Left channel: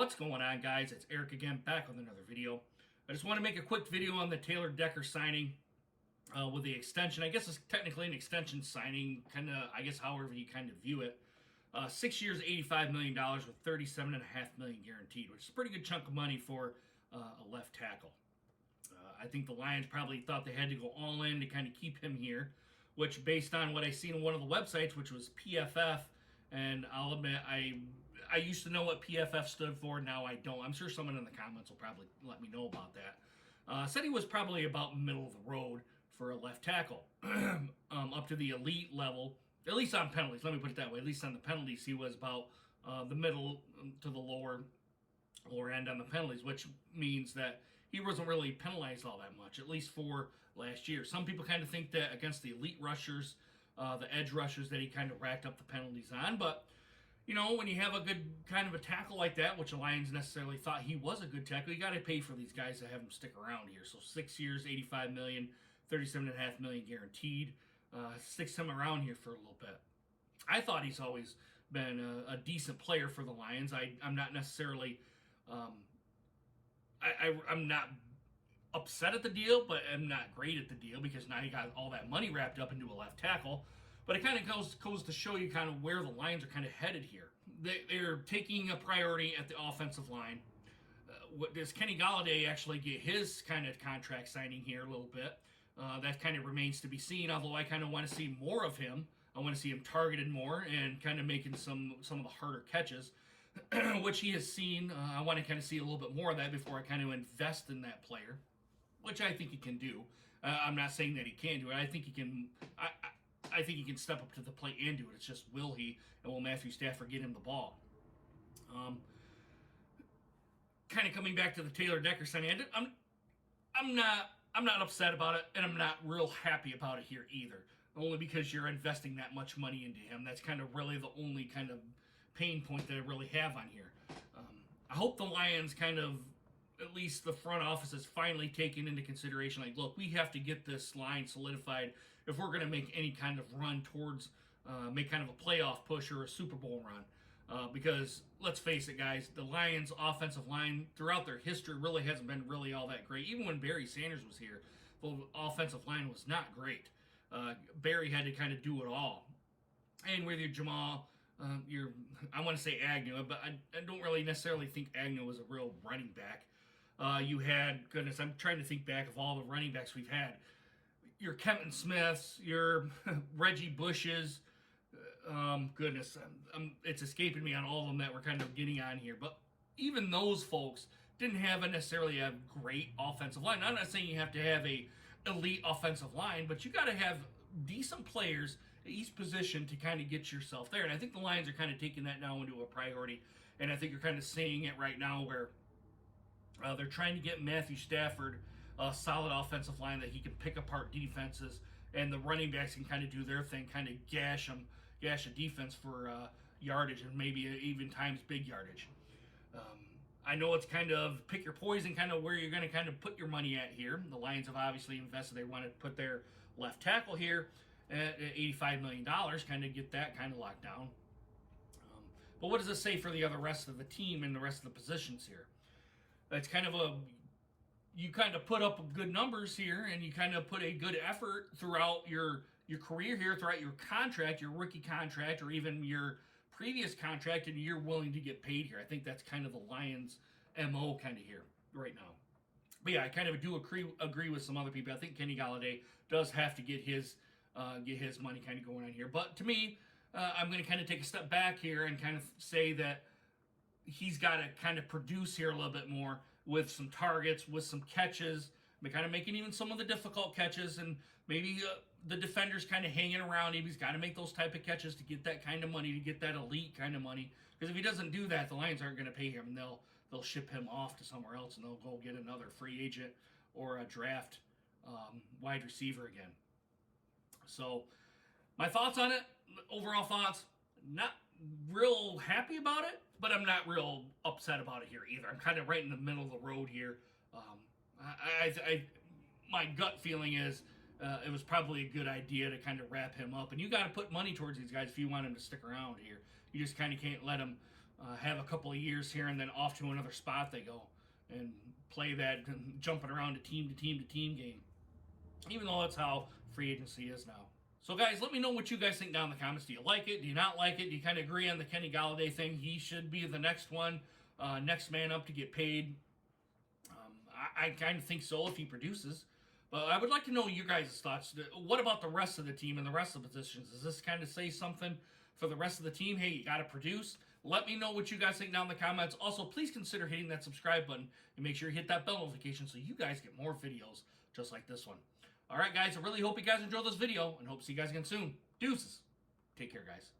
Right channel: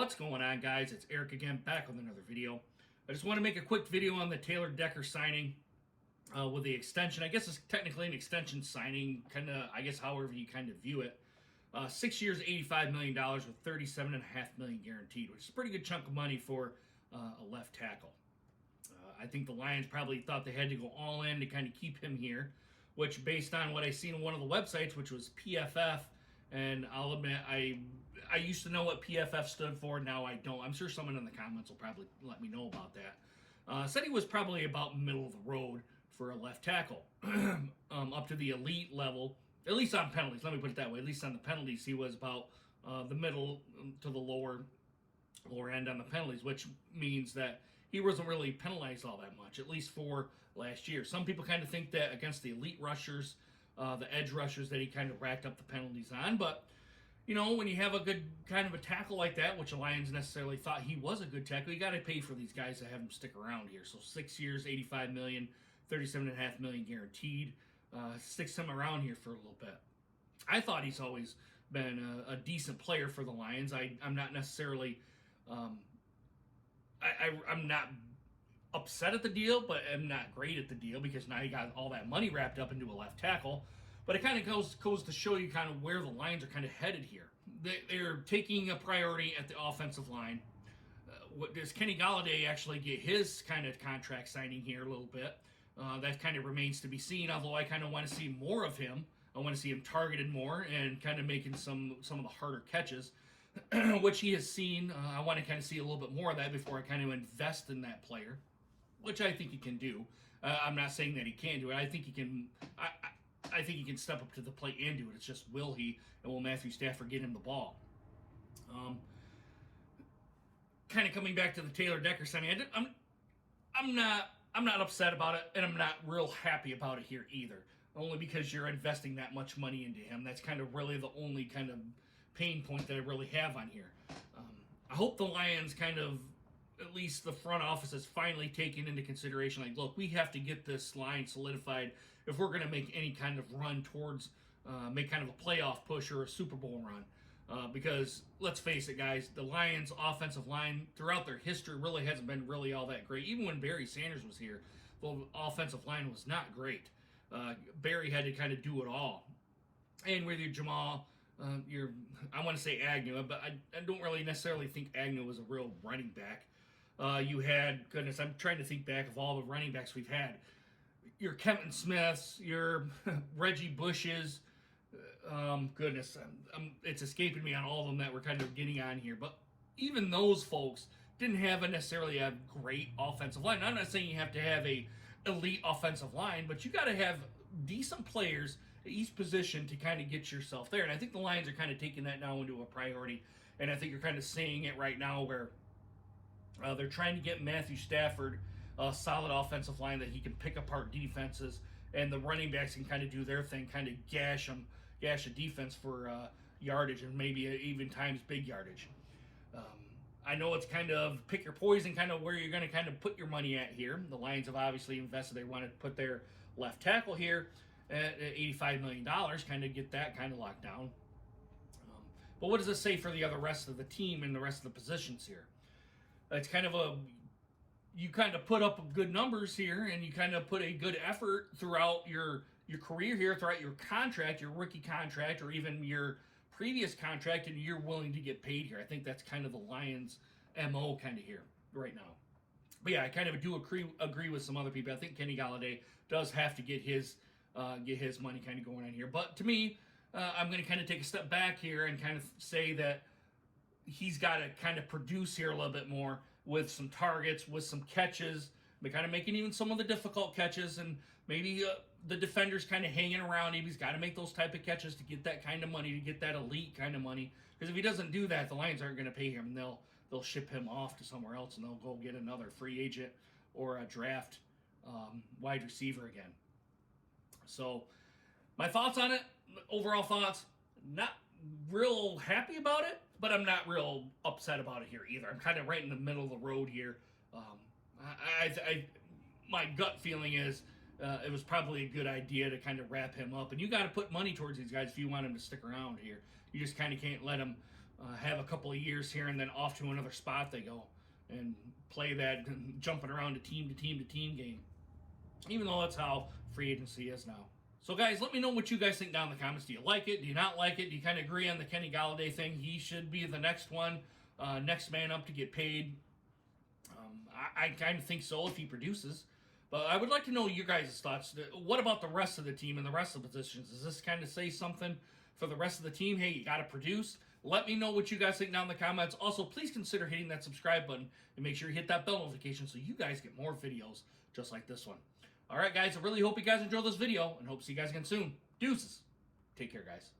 What's going on, guys? It's Eric again, back with another video. I just want to make a quick video on the Taylor Decker signing with the extension. I guess it's technically an extension signing, kind of, I guess, however you kind of view it. 6 years, $85 million with $37.5 million guaranteed, which is a pretty good chunk of money for a left tackle. I think the Lions probably thought they had to go all in to kind of keep him here, which, based on what I seen on one of the websites, which was PFF, and I'll admit, I used to know what PFF stood for. Now I don't. I'm sure someone in the comments will probably let me know about that. Said he was probably about middle of the road for a left tackle, up to the elite level, at least on penalties. Let me put it that way. At least on the penalties, he was about the middle to the lower end on the penalties, which means that he wasn't really penalized all that much, at least for last year. Some people kind of think that against the elite rushers, the edge rushers, that he kind of racked up the penalties on. But, you know, when you have a good kind of a tackle like that, which the Lions necessarily thought he was a good tackle, you got to pay for these guys to have them stick around here. So 6 years, $85 million, $37.5 million guaranteed. Sticks him around here for a little bit. I thought he's always been a decent player for the Lions. I'm not necessarily... I'm not upset at the deal, but I'm not great at the deal because now you got all that money wrapped up into a left tackle. But it kind of goes to show you kind of where the Lions are kind of headed here. They're taking a priority at the offensive line. Does Kenny Golladay actually get his kind of contract signing here a little bit? That kind of remains to be seen, although I kind of want to see more of him. I want to see him targeted more and kind of making some of the harder catches, which he has seen. I want to kind of see a little bit more of that before I kind of invest in that player, which I think he can do. I'm not saying that he can't do it. I think he can. I think he can step up to the plate and do it. It's just, will he, and will Matthew Stafford get him the ball? Kind of coming back to the Taylor Decker signing, I'm not upset about it, and I'm not real happy about it here either. Only because you're investing that much money into him. That's kind of really the only kind of pain point that I really have on here. I hope the Lions kind of, at least the front office, is finally taking into consideration, like, look, we have to get this line solidified if we're going to make any kind of run towards, make kind of a playoff push or a Super Bowl run. Because, let's face it, guys, the Lions' offensive line throughout their history really hasn't been really all that great. Even when Barry Sanders was here, the offensive line was not great. Barry had to kind of do it all. And with your Jamal... I want to say Agnew, but I don't really necessarily think Agnew was a real running back. You had, goodness, I'm trying to think back of all the running backs we've had. Your Kevin Smiths, your Reggie Bushes, goodness, it's escaping me on all of them that we're kind of getting on here. But even those folks didn't have necessarily a great offensive line. I'm not saying you have to have a elite offensive line, but you got to have decent players at each position to kind of get yourself there. And I think the Lions are kind of taking that now into a priority. And I think you're kind of seeing it right now where they're trying to get Matthew Stafford a solid offensive line that he can pick apart defenses, and the running backs can kind of do their thing, kind of gash a defense for yardage and maybe even times big yardage. I know it's kind of pick your poison, kind of where you're going to kind of put your money at here. The Lions have obviously invested. They want to put their left tackle here at $85 million, kind of get that kind of locked down. But what does this say for the rest of the team and the rest of the positions here? It's kind of you kind of put up good numbers here, and you kind of put a good effort throughout your career here, throughout your contract, your rookie contract, or even your previous contract, and you're willing to get paid here. I think that's kind of the Lions' MO kind of here right now. But yeah, I kind of do agree with some other people. I think Kenny Golladay does have to get his money kind of going on here. But to me, I'm going to kind of take a step back here and kind of say that he's got to kind of produce here a little bit more with some targets, with some catches, but kind of making even some of the difficult catches, and maybe the defenders kind of hanging around him. He's got to make those type of catches to get that kind of money, to get that elite kind of money. Because if he doesn't do that, the Lions aren't going to pay him, and they'll ship him off to somewhere else, and they'll go get another free agent or a draft wide receiver again. So my thoughts on it, overall thoughts, not real happy about it, but I'm not real upset about it here either. I'm kind of right in the middle of the road here. My gut feeling is it was probably a good idea to kind of wrap him up. And you got to put money towards these guys if you want him to stick around here. You just kind of can't let him have a couple of years here, and then off to another spot they go and play that jumping around to team game. Even though that's how free agency is now. So guys, let me know what you guys think down in the comments. Do you like it? Do you not like it? Do you kind of agree on the Kenny Golladay thing? He should be the next one, next man up to get paid. I kind of think so if he produces. But I would like to know your guys' thoughts. What about the rest of the team and the rest of the positions? Does this kind of say something for the rest of the team? Hey, you got to produce. Let me know what you guys think down in the comments. Also, please consider hitting that subscribe button and make sure you hit that bell notification so you guys get more videos just like this one. All right, guys, I really hope you guys enjoyed this video and hope to see you guys again soon. Deuces. Take care, guys.